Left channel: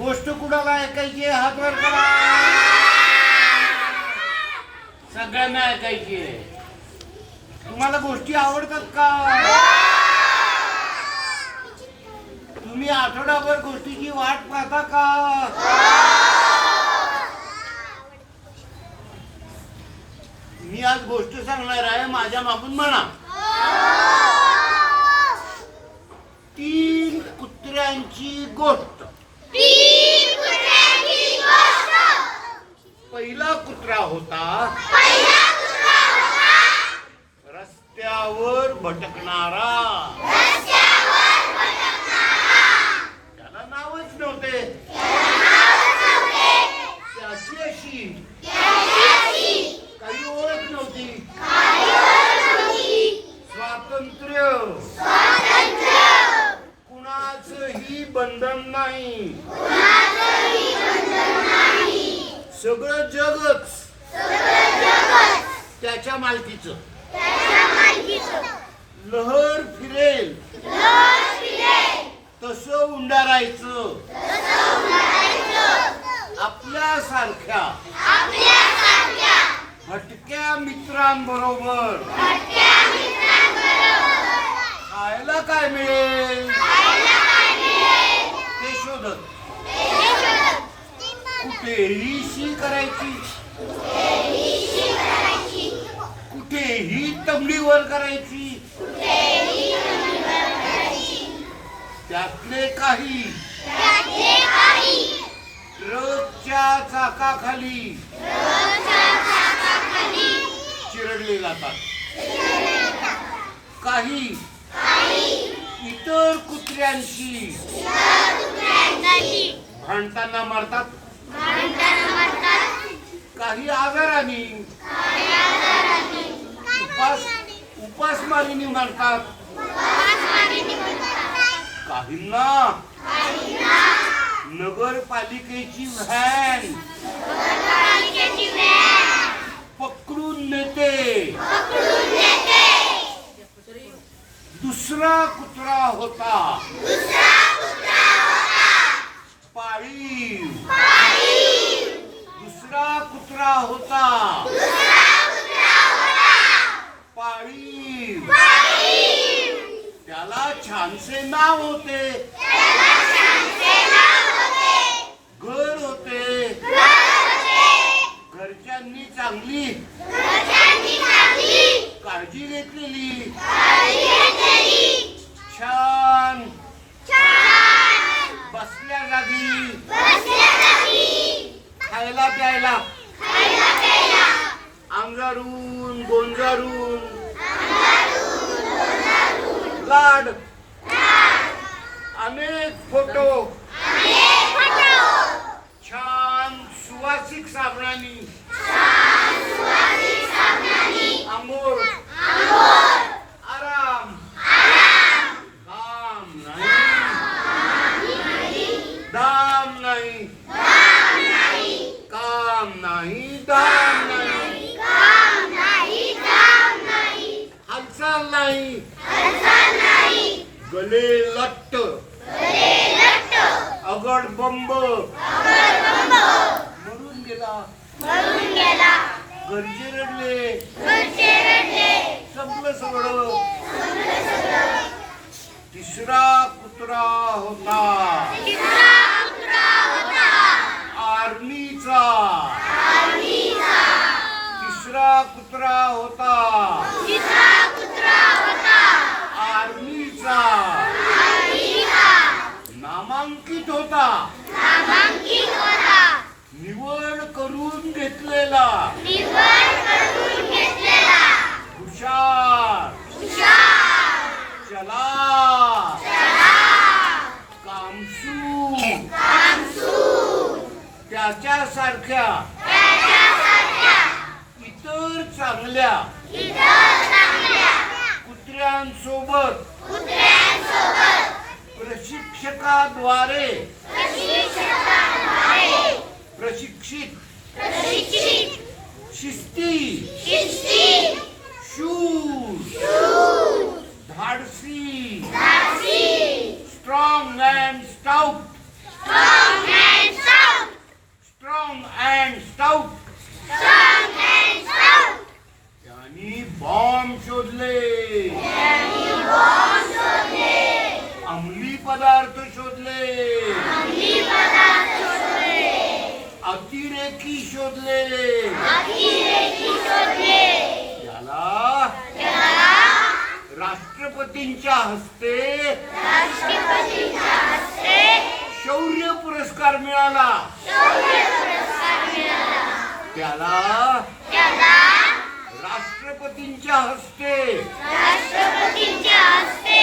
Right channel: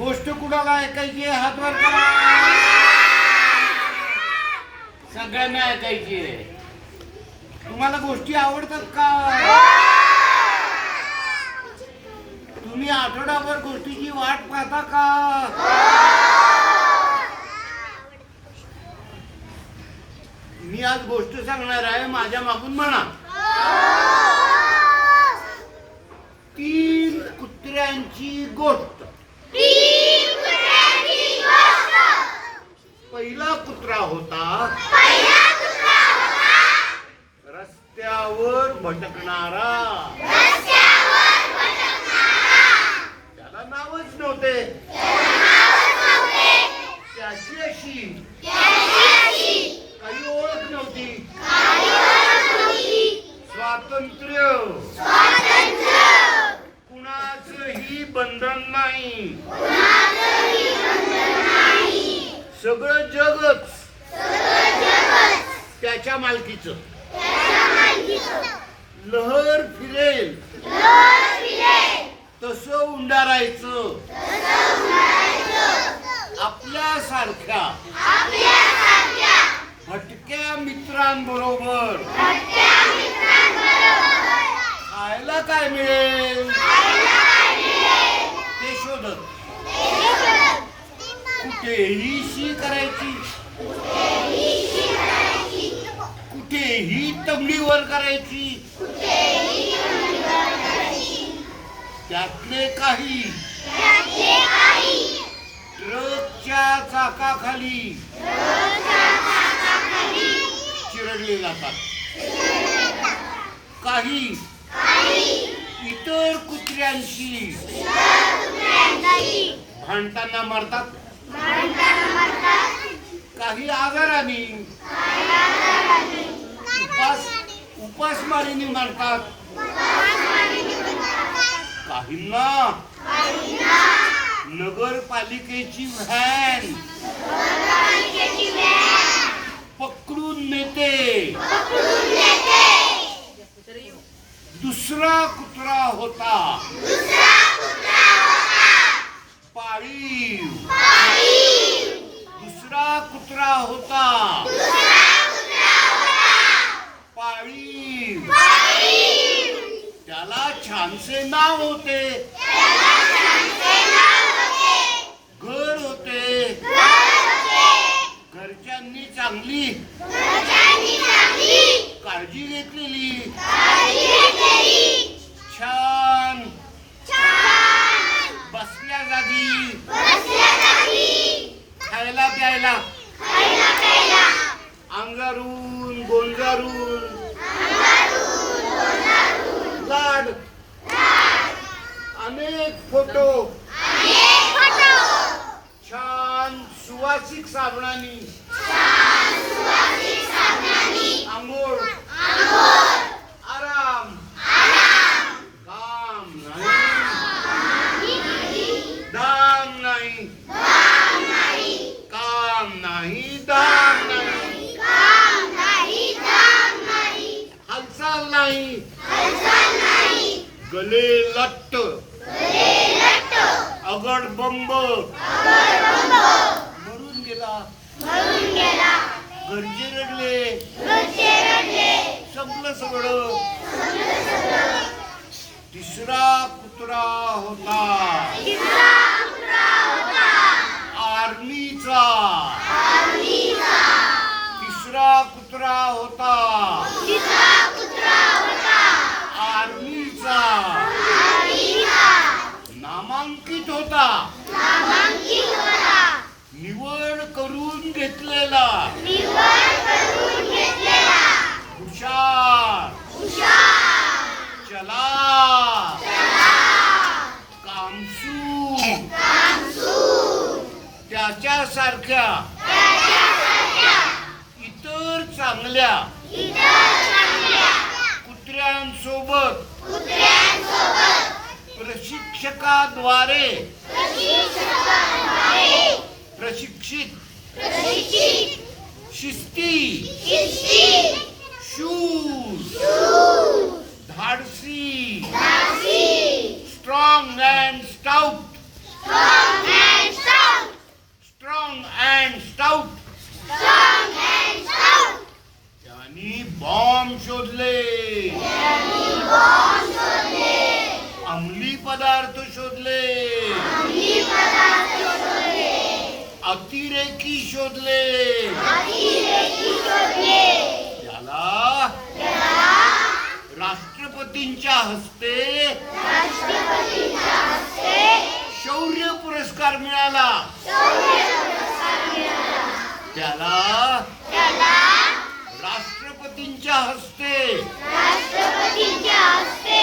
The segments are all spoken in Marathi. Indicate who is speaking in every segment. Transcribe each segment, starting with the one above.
Speaker 1: गोष्ट कुणाला ऐकायची आहे? हात वर करा. सगळ्यांना ऐकायची आहे. तुम्हाला गोष्टी आवडतात का? तुम्ही आठवडाभर गोष्टीची वाट पाहता का? मी आज गोष्ट सांगणार आहे माझ्या मागून म्हणा. तीन कुत्र्यांची गोष्ट. कुत्रा होता? रस्त्यावर भटकणारा. त्याला नावच नव्हते. त्याची अशी. काही ओळख नव्हती. स्वातंत्र्य. कुणाचंही बंधन नाही. सगळं जगच. त्याच्या मालकीचं. लहर फिरेल. तसं उंडारायचं. आपल्या सारख्या. भटक्या मित्रांबरोबर. खायला काय मिळेल? ते शोधत. कुठेही शी करायची. कुठेही तबलीवर करायची. त्यातले काही. ट्रकच्या चाकाखाली. चिरडले जातात. काही. इतर कुत्र्यांशी. भांडताना मारतात. काही आजाराने. उपास उपासमारीने मारतात काहींना नगरपालिकेची व्हॅन पकडून नेते दुसरा कुत्रा होता पाळीव दुसरा कुत्रा होता पाळीव त्याला छानसे नाव होते। घर होते। घरच्यांनी चांगली काळजी घेतलेली. छान. बसल्या जागी. खायला प्यायला. अंगारून गोंजारून लाड अनेक फोटो. छान सुवासिक साबणानी. आंघोळ. आराम. काम नाही दाम नाही. काम नाही दाम नाही. हालचाल नाही. गले लट्ट. अगड बंब. मरून गेला. घरचे रडले. संपलं सगळं. तिसरा कुत्रा होता. आर्मीचा. तिसरा कुत्रा होता. त्याच्यासारख्या. इतर चांगल्या. कुत्र्यांसोबत. प्रशिक्षकाद्वारे. प्रशिक्षित. शिस्ती. शूज. धाडसी. स्टाउट त्यांनी बॉम्ब शोधले. अंमली पदार्थ शोधले. अतिरेकी शोधले. त्याला राष्ट्रपतींच्या हस्ते शौर्य पुरस्कार मिळाला. त्याला राष्ट्रपतींच्या हस्ते
Speaker 2: राष्ट्रपतींच्या हस्ते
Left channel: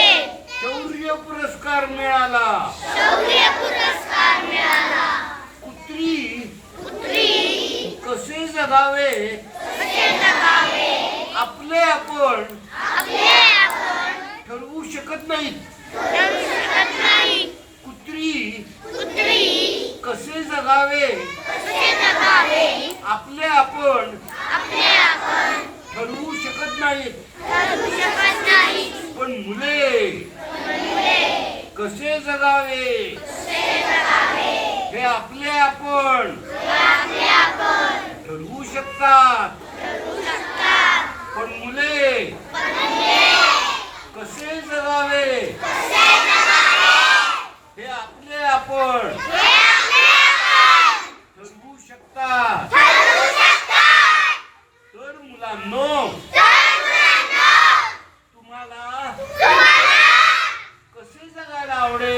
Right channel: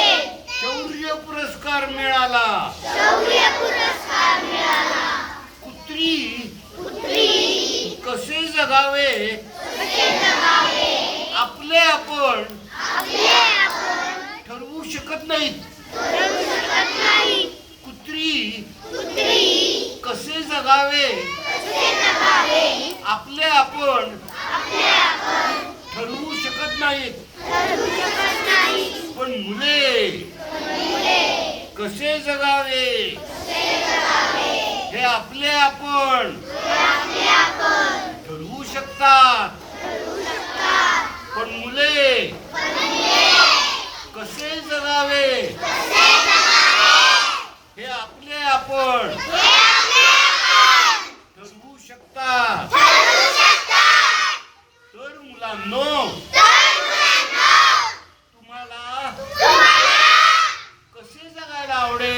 Speaker 1: शौर्य पुरस्कार मिळाला.
Speaker 2: शौर्य पुरस्कार मिळाला.
Speaker 1: कुत्री
Speaker 2: कुत्री
Speaker 1: कसे जगावे?
Speaker 2: कसे जगावे?
Speaker 1: आपले आपण
Speaker 2: आपले आपण
Speaker 1: ठरवू शकत नाहीत.
Speaker 2: ठरवू शकत नाही
Speaker 1: कुत्री
Speaker 2: कुत्री
Speaker 1: कसे जगावे आपले आपण ठरवू शकत नाहीत.
Speaker 2: नाही.
Speaker 1: पण मुले कसे जगावे? हे आपले आपण ठरवू शकतात. पण मुले कसे जगावे? हे आपले आपण
Speaker 2: അവിടെ